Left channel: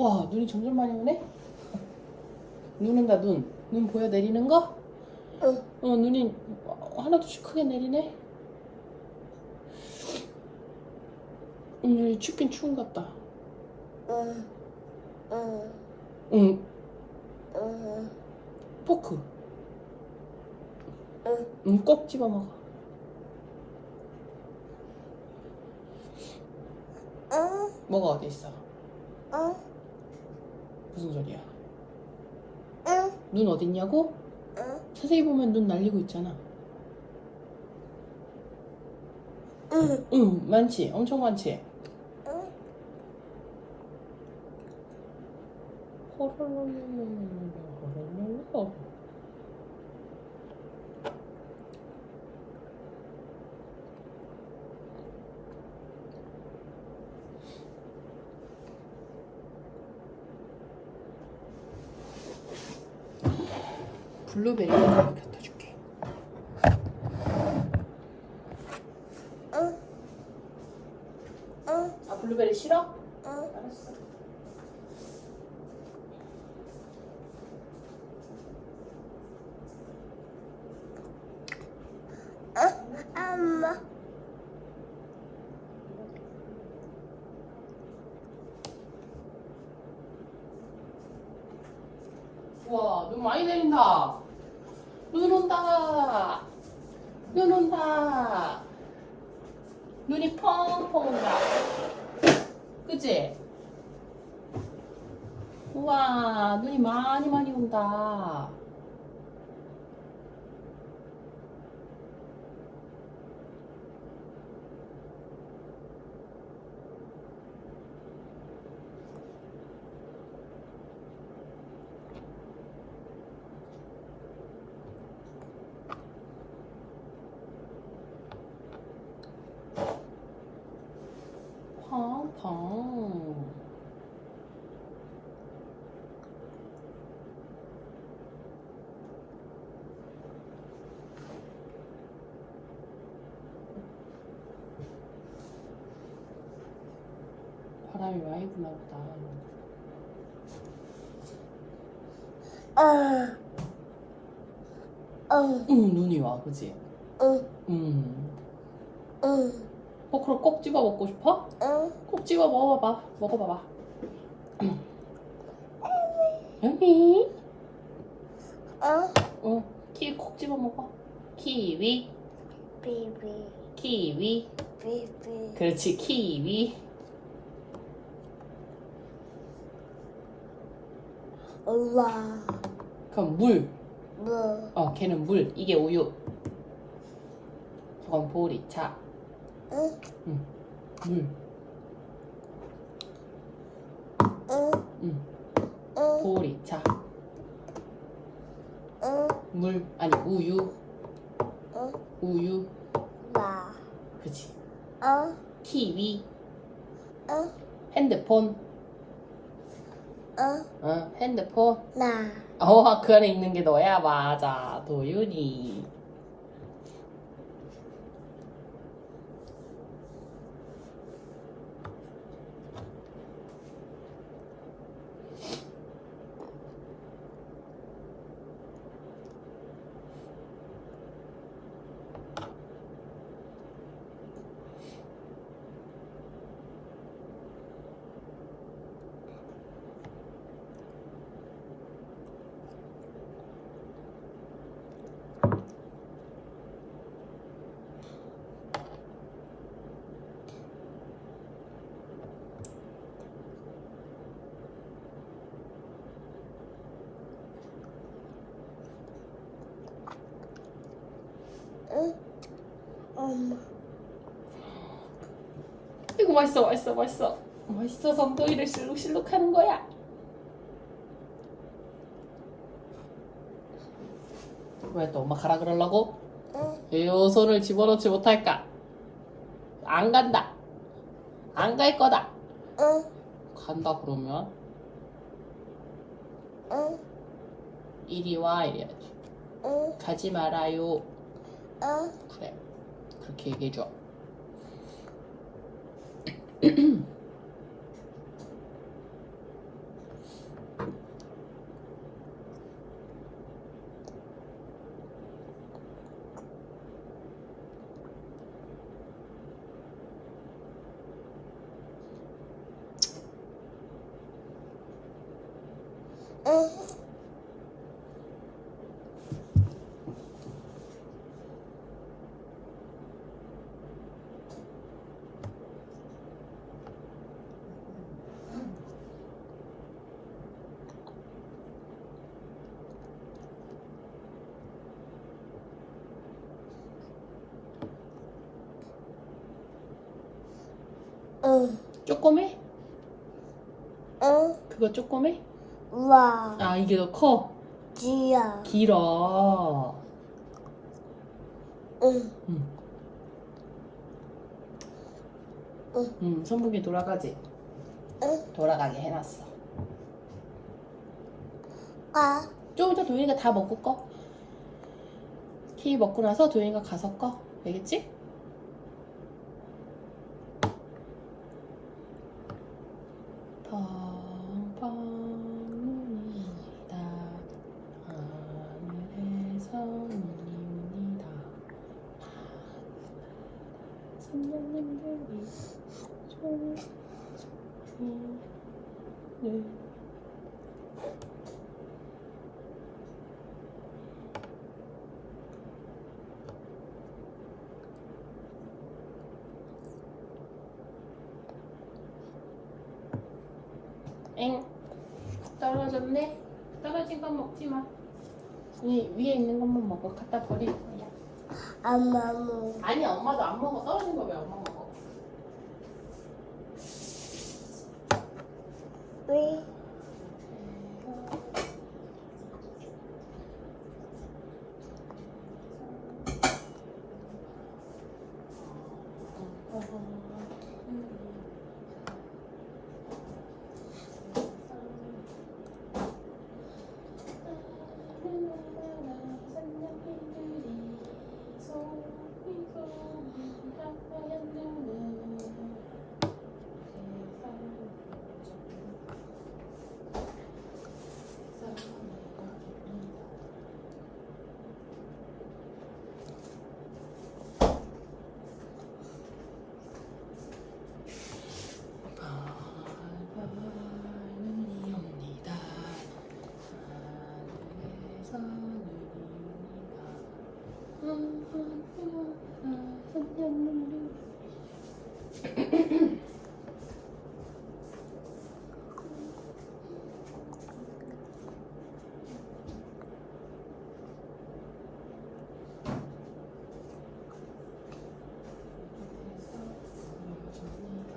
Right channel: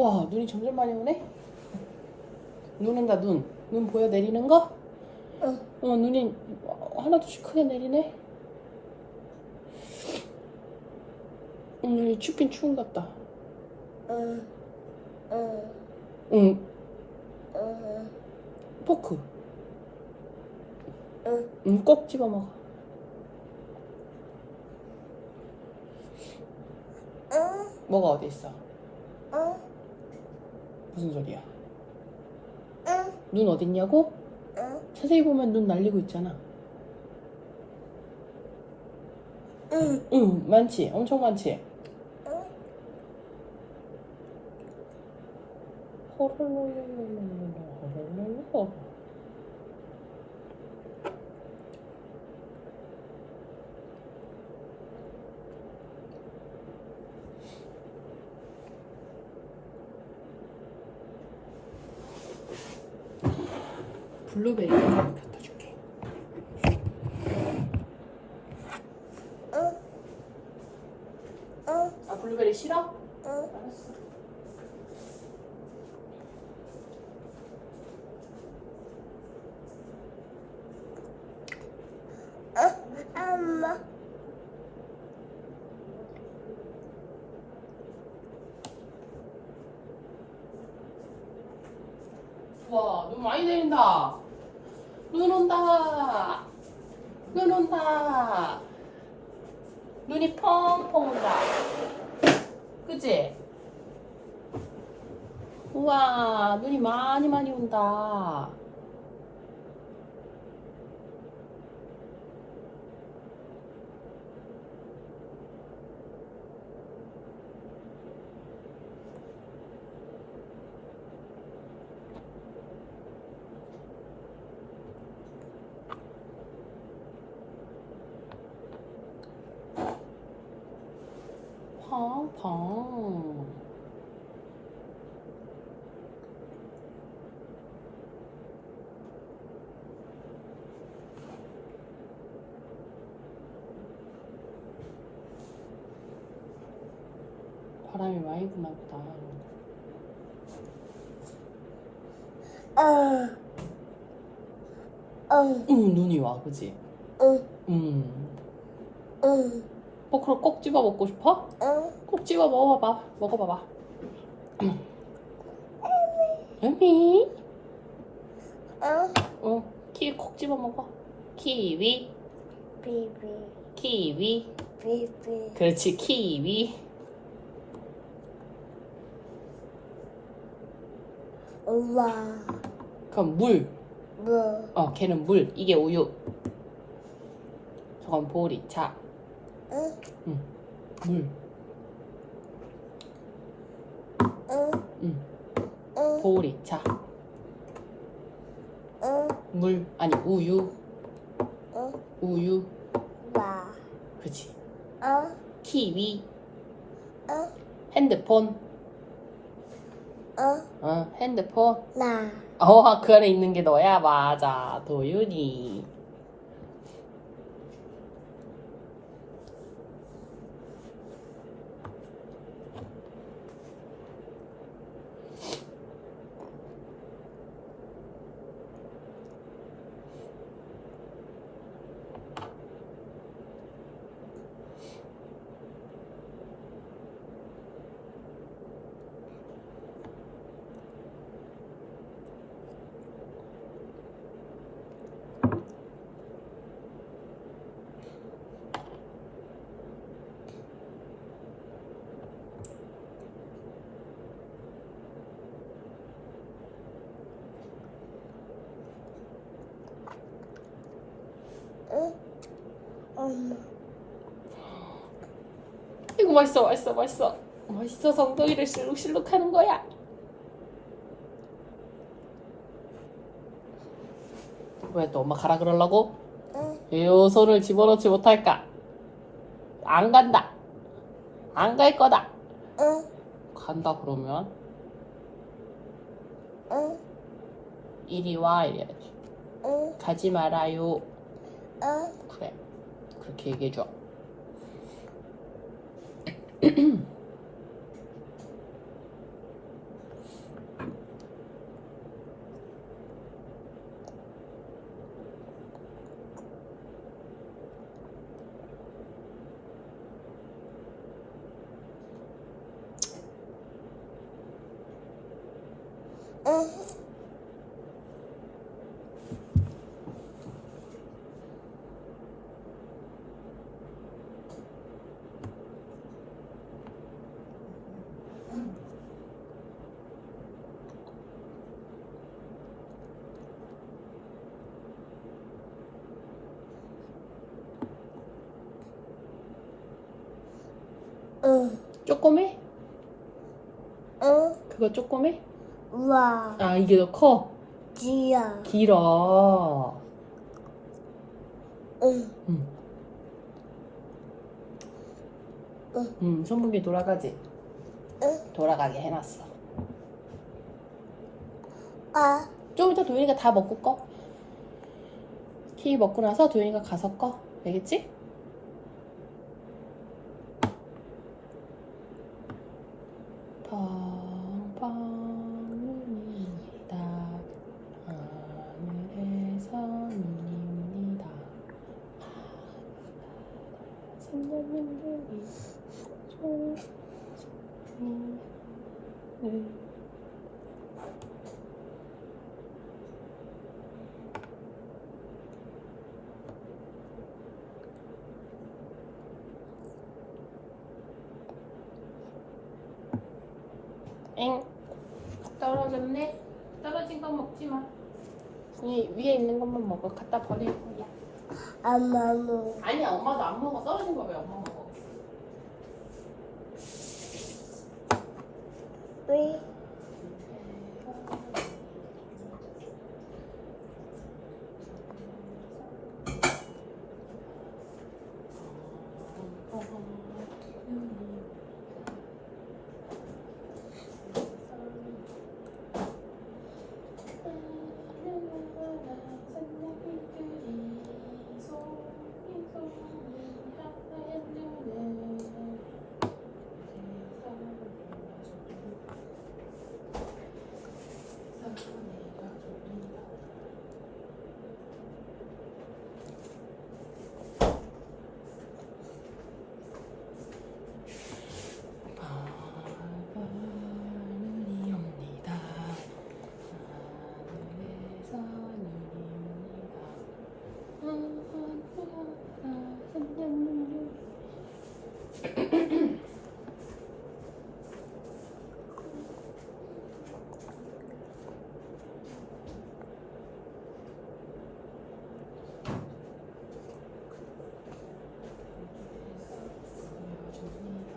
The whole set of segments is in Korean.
와 눈이 점점 많이 오네. 눈 온다 눈. 눈 보여 내리는 거? 응. 어 눈이 하나둘씩 크게 내리네. 음 춥긴 추운 것 같다. 응. 응. 응 응. 포크. 응. 응, 꼭 집어 먹어. 응. 뭐가 어디 있어? 응. 무슨 소리야? 응. 눈 어딨냐고? 응. 자세히 보면 눈 날리고 있잖아. 응. 응, 많지. 엄청 많지. 응. 호로로로로로로 블루베리 하나 갖다 줄게. 응. 응. 아 블루베리 싫어? 응. 알았어. 엄마. 와, 눈 많이 내린다. 눈 온다. 눈 온다. 눈이 펑펑 온다. 그치? 우와, 눈이 많이 많이 온다. 펑펑. 부나 보다. 응. 응. 응, 눈이 와, 그지? 응. 음. 응. 어, 그럼 꼭 집어 먹고 싶어? 응. 꼭 집어 먹어봐봐. 먹어봐봐. 여미. 응. 어, 키위 콕 집어 먹어. 키위, 비비. 키위. 비비. 그렇지, 키위. 우와. 그럼 물. 뭐. 어, 걔는 물. 이게 우유. 저건 보리차. 응. 물. 응. 응. 응. 보리차. 응. 물. 아니, 우유. 응. 우유. 와. 그렇지. 응. 키위. 응. 핸드폰. 응. 어, 핸드폰. 나. 어, 그 안에 있는 게 너야. 맞아. 도윤이. 엄마. 이거 맛있어, 맛있어, 맛있어. 맛있어서 엉덩이를 실룩실룩 하는 거야. 왜 또 엄마 가라 그러려고? 응. 요 손을 집어넣지 못할까? 안 간다. 안 갈 거다. 응. 간다 그러면 응. 이리 와 이래야지. 응. 가지 말아요. 응. 그래. 그렇게 얘기해 줘. 조그매? 응. 그거 조그매? 와. 아 이게 더 커? 지야. 길어 응. 응. 응. 응 선풍기 돌아가지? 응. 돌아가게 해놨어 아. 좀 이따 도윤이가 다 먹고 꺼 키위 먹고 나서 도윤이가 가서 꺼 알겠지? 엥. 떨어졌네? 떨어진 건 먹지 마. 이, 위에 있는 것만 먹어. 갖다 거 야 엄마 뭐. 아니 엄마도 안 먹어 떨어진 거 왜 엄마 먹어 왜? 눈이 옵니다. 하늘에서 눈이 옵니다.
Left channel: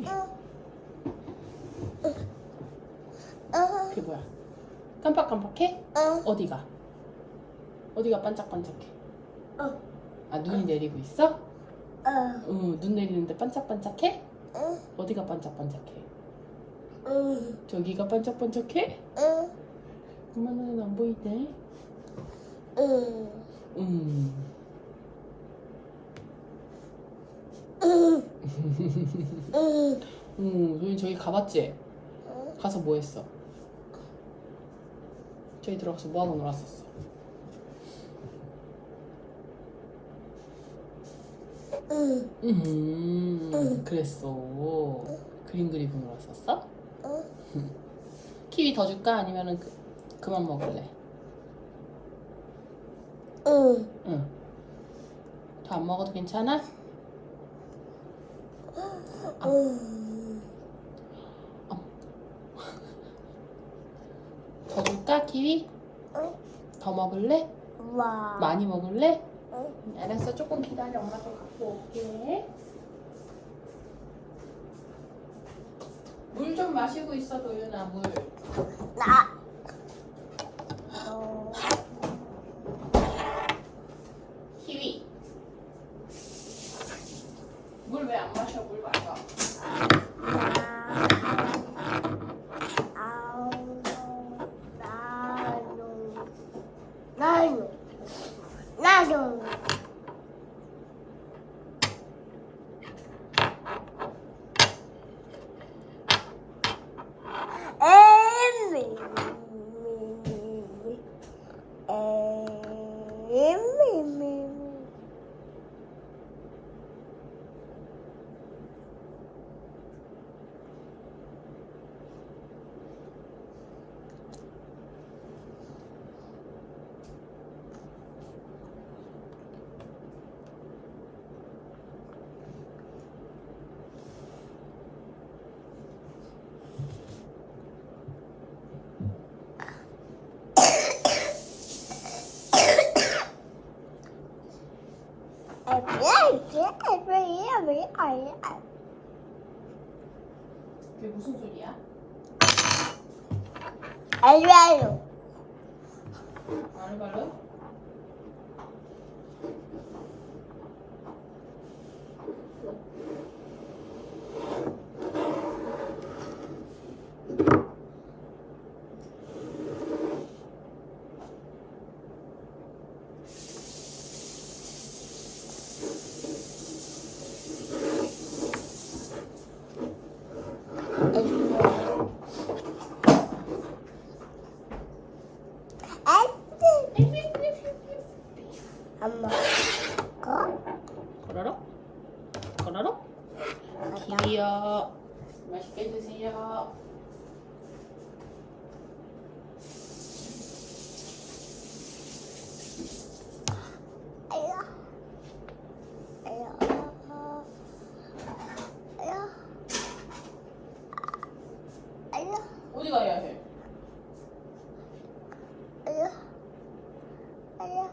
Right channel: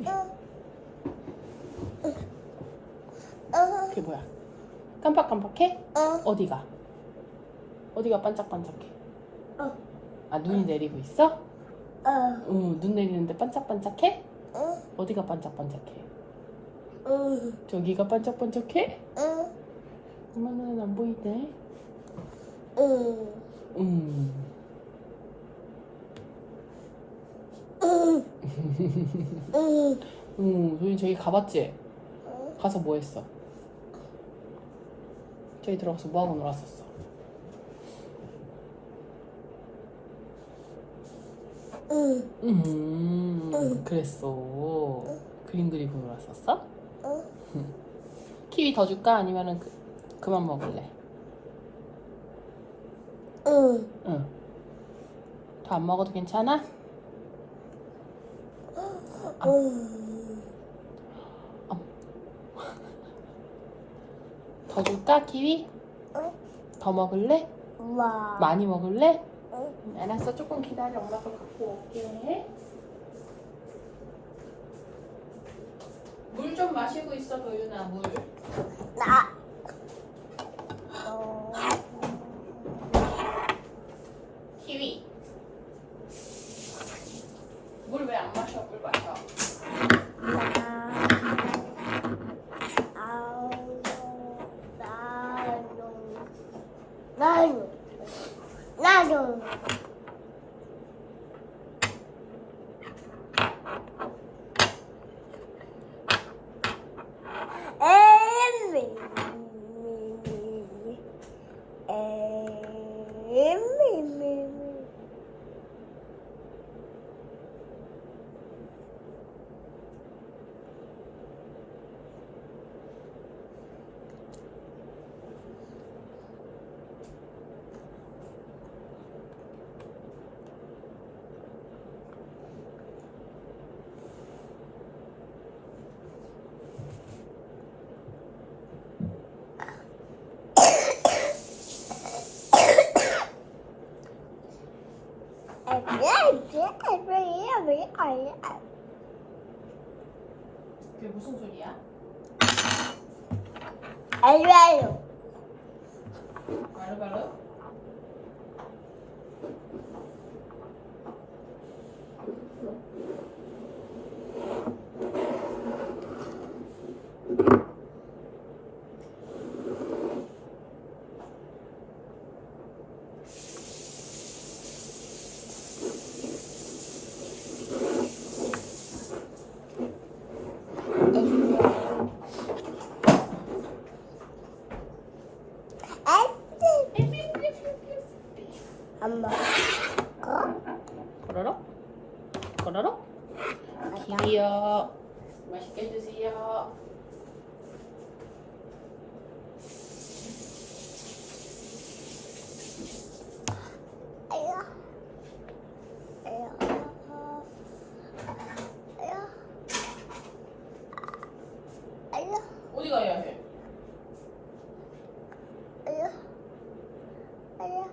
응. 응. 그게 뭐야? 깜빡깜빡해? 응. 어디가? 어디가 반짝반짝해? 어. 아 눈이 내리고 있어? 응. 응, 눈 내리는데 반짝반짝해? 응. 어디가 반짝반짝해? 응. 저기가 반짝반짝해? 응. 엄마는 안 보이대. 응. 음. 응. 응. 응, 도인 저기 가봤지? 응. 가서 뭐 했어? 저기 들어가서 뭐 하고 놀았었어? 응. 음, 응. 그랬어. 그림 그리고 놀았었어? 응. 키위 더 줄까? 아니면은 그, 그만 먹을래? 응. 응. 더 안 먹어도 괜찮아? 응. 더 줄까? 키위? 응. 더 먹을래? 와. 많이 먹을래? 응. 응, 알았어. 조금 기다려. 엄마도 갖고 올게. 물 좀 마시고 있어, 도윤아. 물. 나. 너. 키위. 물 왜 안 마셔? 물 마셔. 나. 아우. 나도. 나도. 나도. 에미. 에미. 그게 무슨 소리야? 알아요. 바로바로? 엄마, 거? 거러럭? 거러럭? 아빠. 드디어 맛있게 드세요. 아야, 아야, 아야, 아야, 어디 가야 해? 아야, 아야,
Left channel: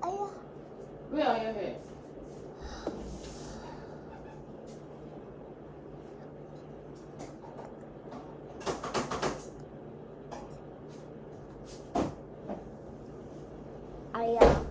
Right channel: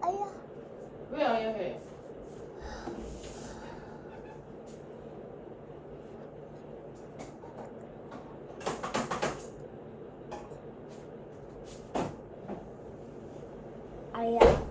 아야. 왜 아야 해? 아야.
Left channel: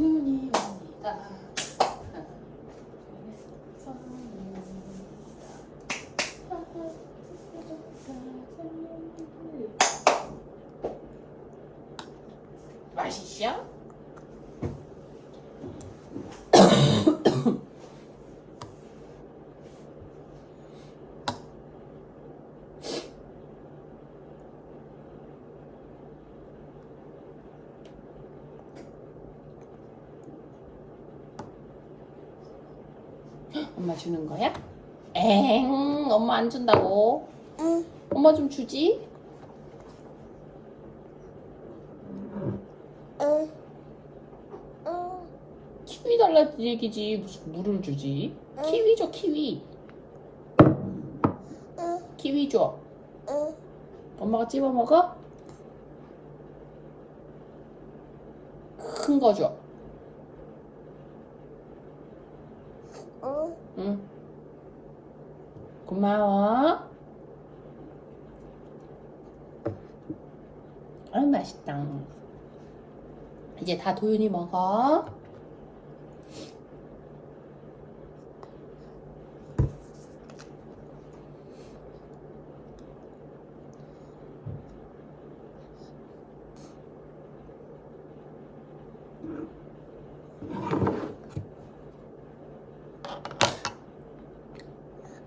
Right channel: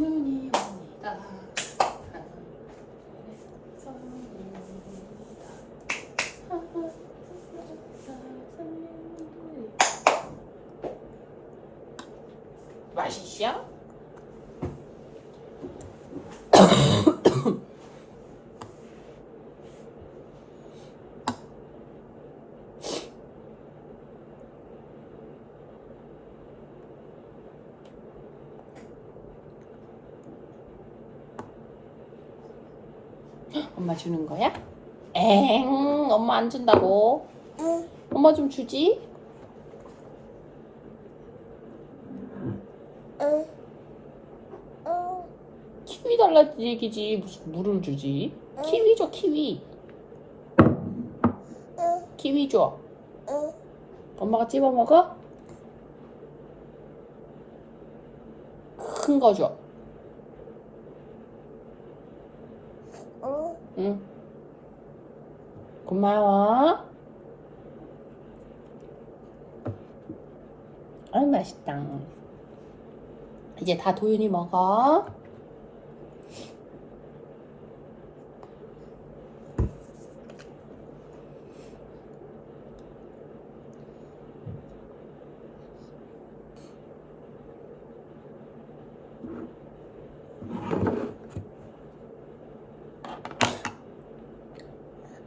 눈이 옵니다. 맛있어? 엄마 주는 거야? 엥, 엄마 안 준다고. 응, 엄마 좀 주지. 응, 응, 키위 달라 얘기지 무슨 물을 주지? 응. 키위 줘 키위. 응, 키위 줘. 응. 엄마가 찝어 먹어? 큰 거 줘. 응. 응. 고마워. 아유 맛있다. 이제 다 도윤이 먹어.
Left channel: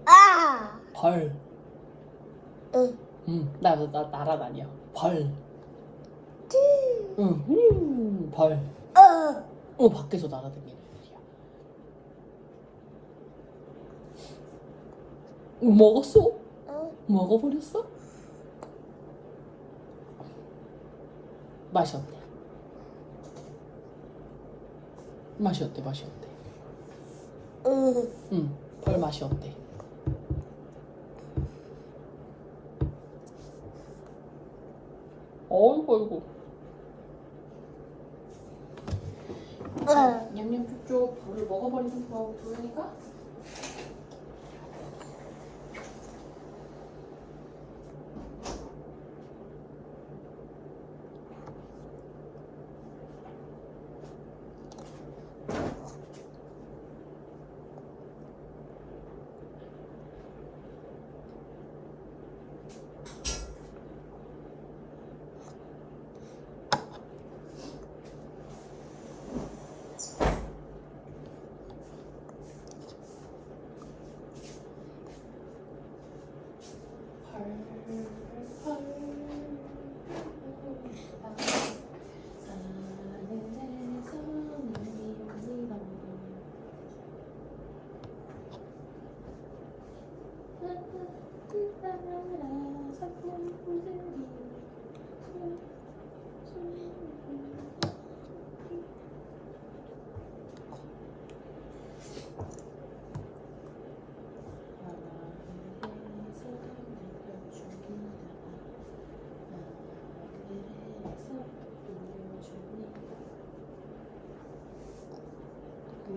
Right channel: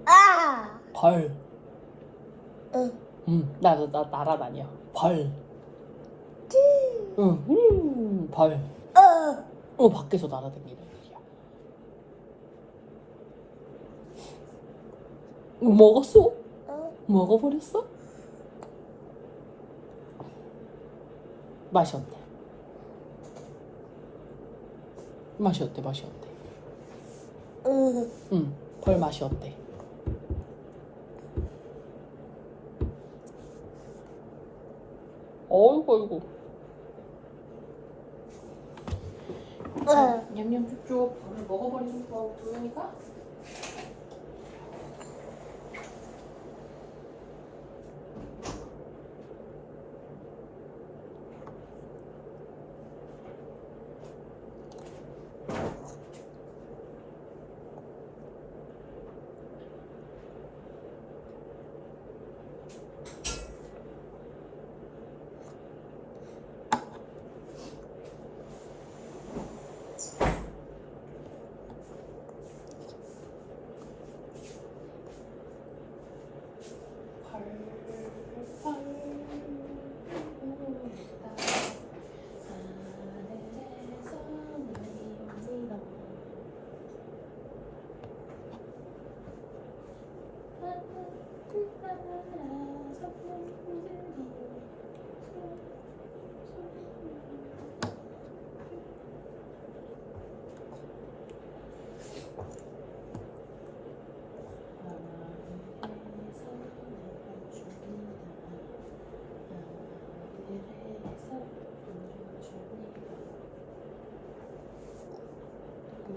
아, 벌. 응, 응. 나, 나, 나 날아다녀. 벌. 찌, 응. 음, 벌. 어, 어, 밖에서 날아다니는 애들이야. 어, 먹었어? 응. 먹어버렸어? 맛이 어때? 맛이 어때? 맛이 어때? 응. 응, 벌 맛이 어때? 어이구, 어이구. 응. 냠냠 쪽쪽 벌을 먹어버리는 거 도영이가?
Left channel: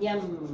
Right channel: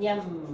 냠.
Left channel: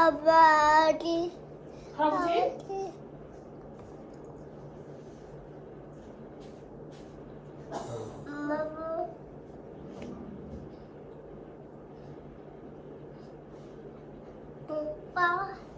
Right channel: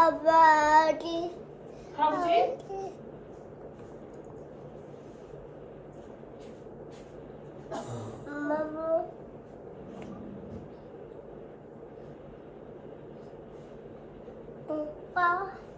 아버지. 할아버지? 아버지. 엄마. 오빠.